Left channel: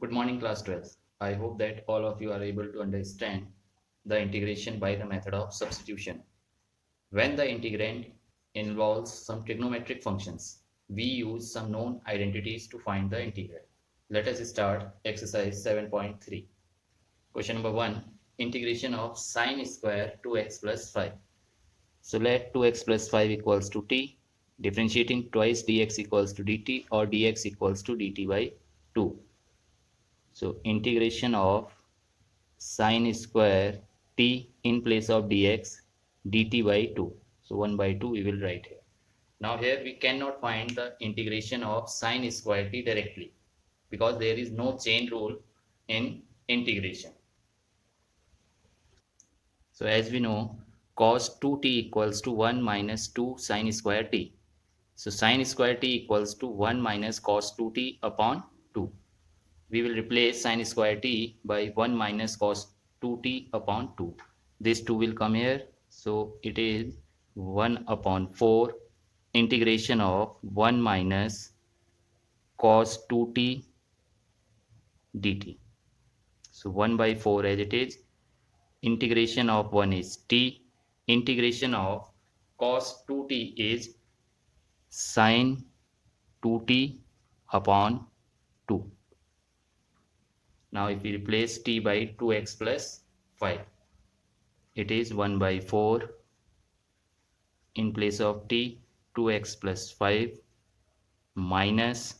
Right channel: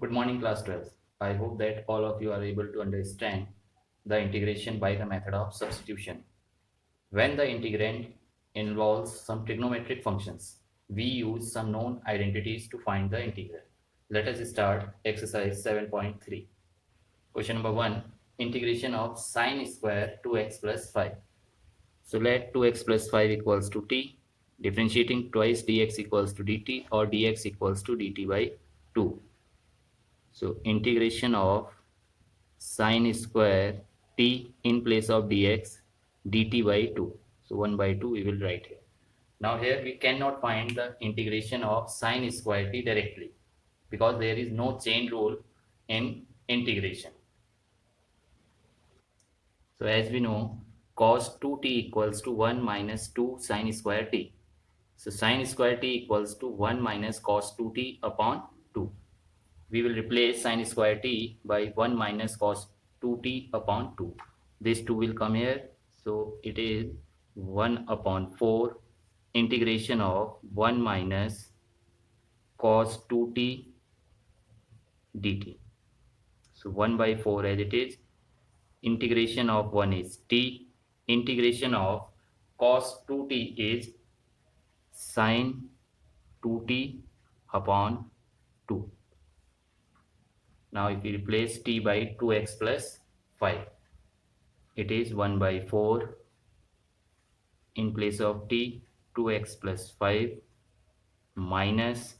Good morning, class 12. I hope that all of you are able to understand the integration by the method of substitution. When the integrand involves some trigonometric functions, we use some known identities to find the integral. Let us start exercise 7.3. Question number 1. Integration of sine square 2x plus 5. So let 2x plus 5 equals to t. Differentiating twice dx equals to dt or dx equals to dt by 2. So integration of sine square t in place of dx dt by 2. So 1 by 2 we will write here. Now here we cannot find the integration of sine square t directly because there is no chain rule in integration. So as we know, cos 2t equals to 1 minus 2 sine square t. So sine square t equals to 1 minus cos 2t upon 2. We will replace sine square t by 1 minus cos 2t upon 2. This 2 will come here. So it is 1 upon 4 integration of 1 minus cos 2t dt. So 1 by 4 as it is. Integration of 1 is t. Integration of cos 2t is sine 2t upon 2. Now if we replace t by 2x plus 5, it is 1 by 4 in place of t 2x plus 5 minus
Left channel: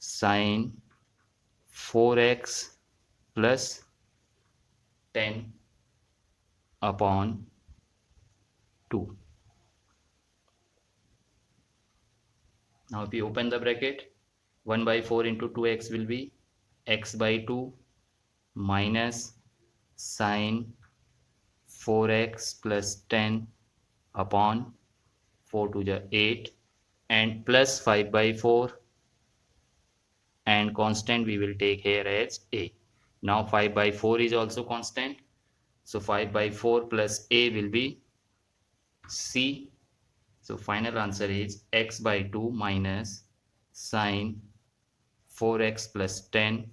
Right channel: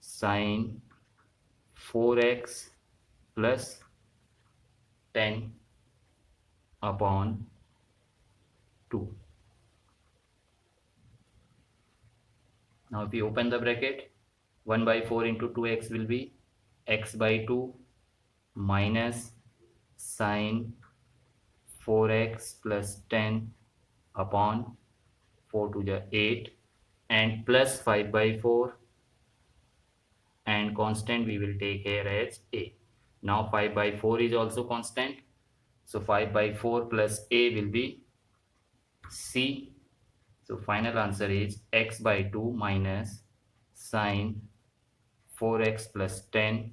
sine 4x plus 10 upon 2. Now if we open the bracket, 1 by 4 into 2x will be x by 2 minus sine 4x plus 10 upon 4 to the 8 and plus 5 by 4 and constant we will take here as a. Now 5 by 4 is also constant. So 5 by 4 plus a will be c. So final answer is x by 2 minus sine 4x plus 10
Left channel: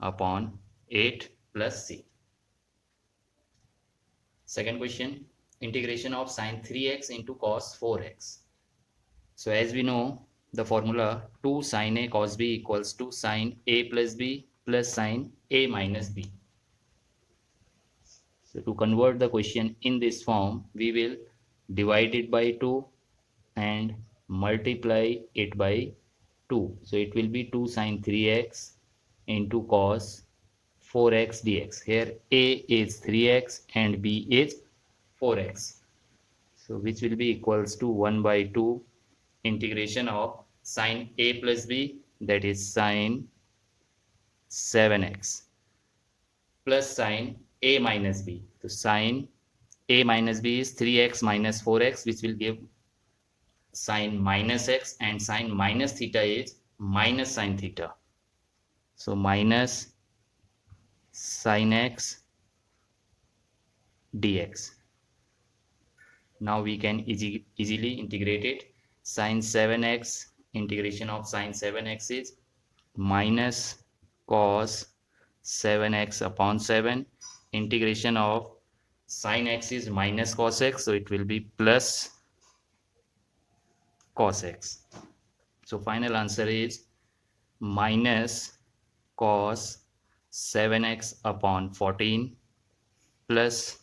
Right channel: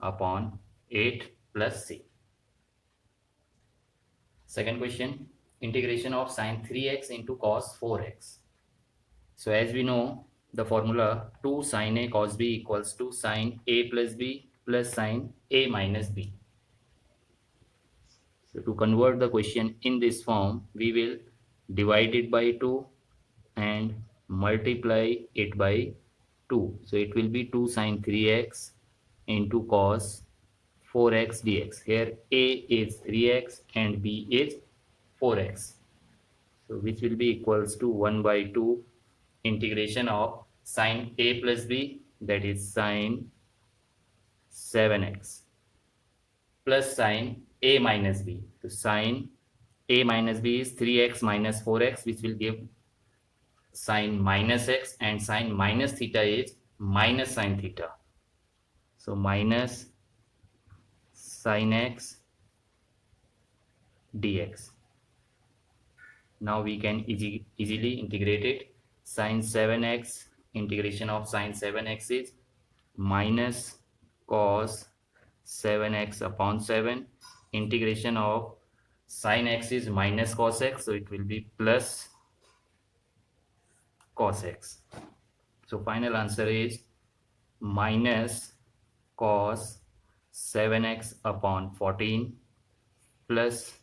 upon 8 plus c. Second question, integration of sine 3x into cos 4x. So as we know, the formula 2 sine a cos b equals to sine a plus b plus sine a minus b. So to convert the question in this form, we will divide it by 2 and multiply it by 2. So it will be 2 sine 3x into cos 4x dx. Here a is 3x and b is 4x. So which will be equals to 1 by 2 integration of sine a plus b, that is sine 7x plus sine a minus b. So sine a minus b is 3x minus 4x, which will give sine minus x, and sine minus theta is minus sine theta. So minus sine x dx. Now we can easily integrate it. Sine 7x, integration of sine 7x is minus cos 7x upon 7. Integration of sine x is minus cos x, so it will be plus cos x. So final answer is minus cos 7x upon 14 plus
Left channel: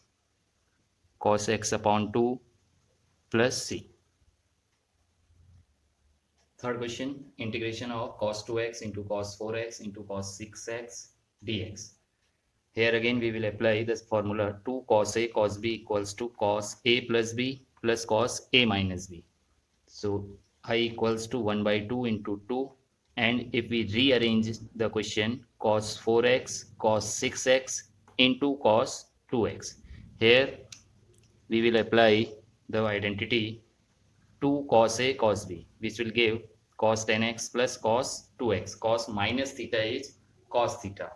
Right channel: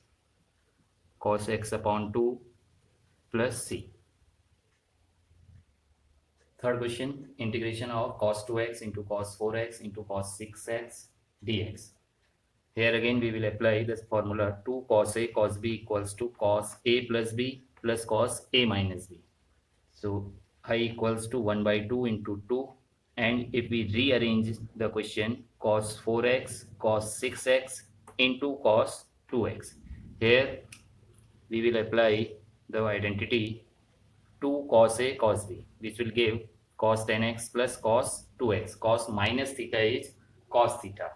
cos x upon 2 plus c. Third question, integration of cos 2x into cos 4x into cos 6x dx. Here again we will apply this formula 2 cos a cos b equals to cos a plus b plus cos a minus b. So I equals to 1 by 2 into 2, and if we rearrange the question, cos 4x cos 6x into cos 2x. Here we will apply the identity 2 cos a cos b, which will give cos 10x plus cos 2x. Cos minus theta is cos theta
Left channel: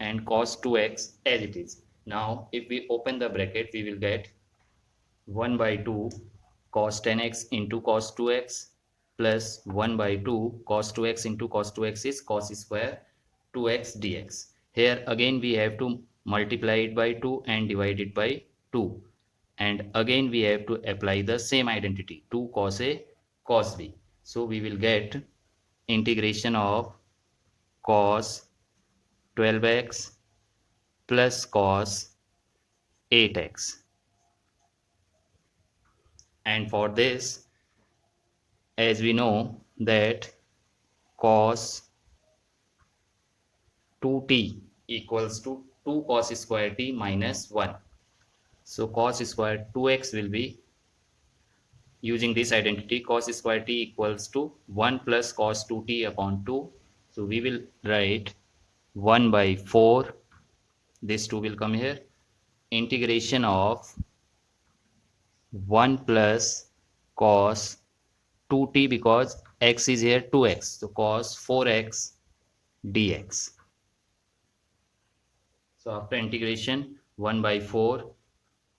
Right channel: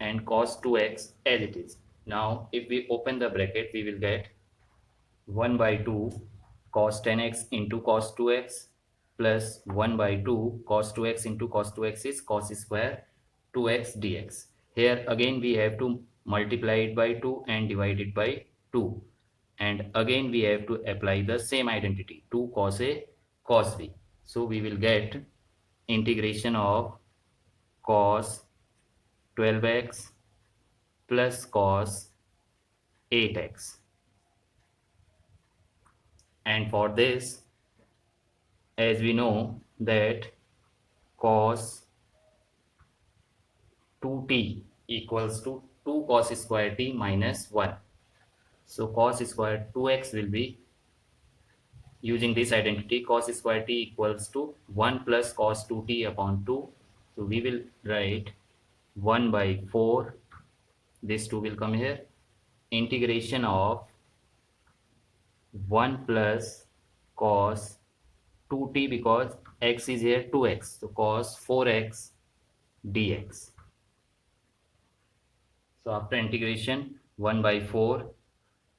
and cos 2x as it is. Now if we open the bracket, we will get 1 by 2 cos 10x into cos 2x plus 1 by 2 cos 2x into cos 2x is cos square 2x dx. Here again we have to multiply it by 2 and divide it by 2, and again we have to apply the same identity, 2 cos a cos b. So we will get integration of cos 12x plus cos 8x, and for this, as we know that cos 2t equals to 2 cos square t minus 1. So cos square 2x will be, using this identity, cos square t equals to 1 plus cos 2t upon 2. So we will write 1 by 4, this 2 will come here, integration of 1 plus cos 2t, because x is here 2x, so cos 4x dx. So after integration, 1 by 4,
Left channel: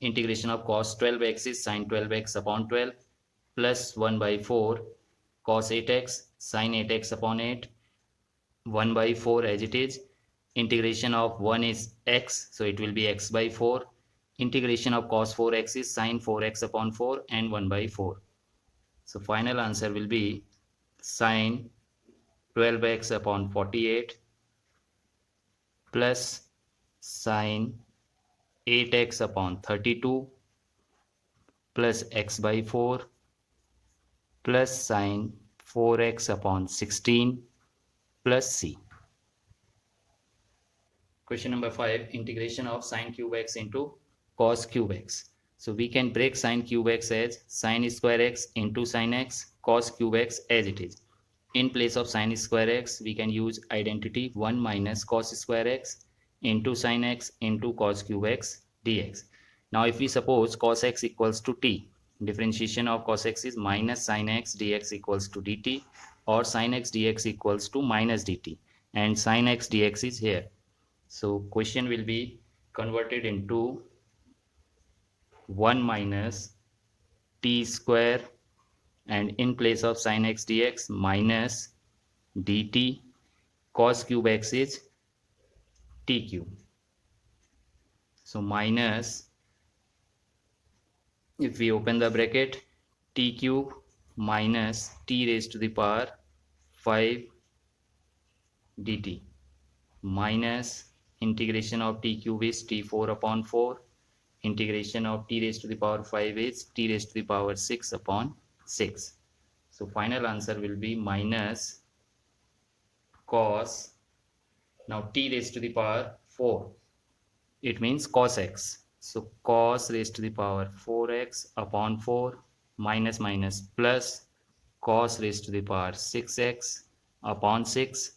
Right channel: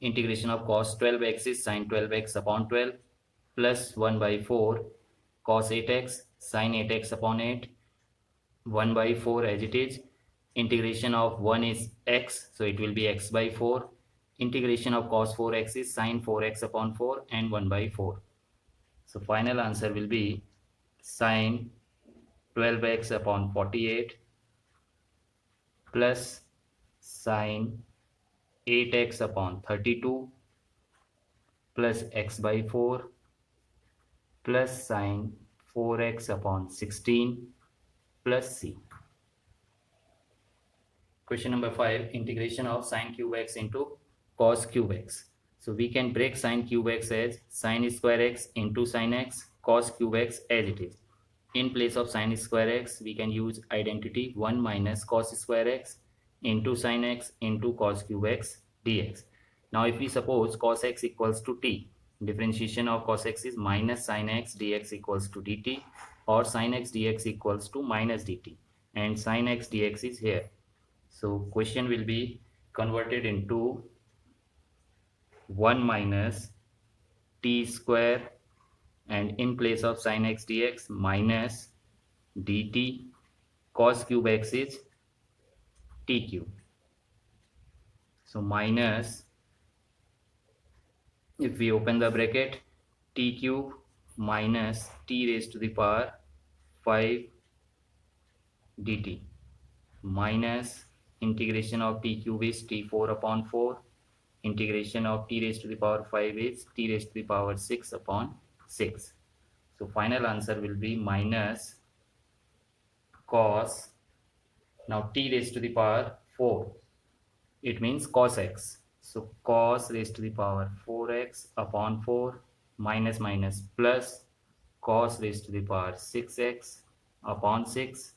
integration of cos 12x is sin 12x upon 12, plus 1 by 4 cos 8x sin 8x upon 8, 1 by 4 as it is. Integration of 1 is x, so it will be x by 4. Integration of cos 4x is sin 4x upon 4 and 1 by 4. So final answer will be sin 12x upon 48 plus sin 8x upon 32 plus x by 4 plus sin 4x upon 16 plus c. Question number 5, integration of sin cube x into cos cube x. So we can break sin cube x as sin square x into sin x, cos cube x as it is. In place of sin square x, we can use identity 1 minus cos square x into sin x into cos cube x dx. Now if we suppose cos x equals to t, differentiation of cos x is minus sin x dx equals to dt, or sin x dx equals to minus dt, and sin x dx is here. So question will be converted into 1 minus t square, and in place of sin x dx minus dt, cos cube x is t cube. So minus, if we open the bracket, t cube minus t raised to the power 5 dt minus integration of t cube is t4 upon 4, integration of t raised to the power 5 is t raised to the power 6 upon 6. So final answer will be minus cos, now t raised to the power 4, it means cos x. So cos raised to the power 4x upon 4 minus minus plus cos raised to the power 6x upon 6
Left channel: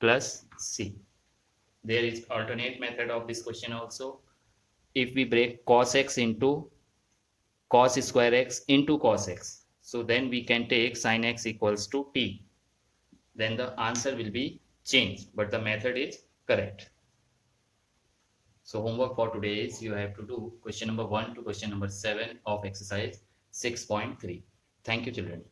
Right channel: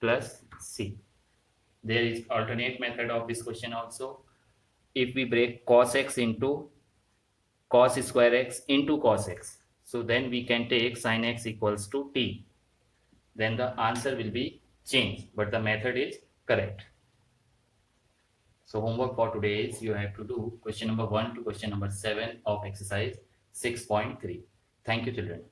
plus c. There is alternate method of this question also. If we break cos x into cos square x into cos x, so then we can take sin x equals to t. Then the answer will be changed, but the method is correct. So homework for today is you have to do question number 1 to question number 7 of exercise 6.3. Thank you, children.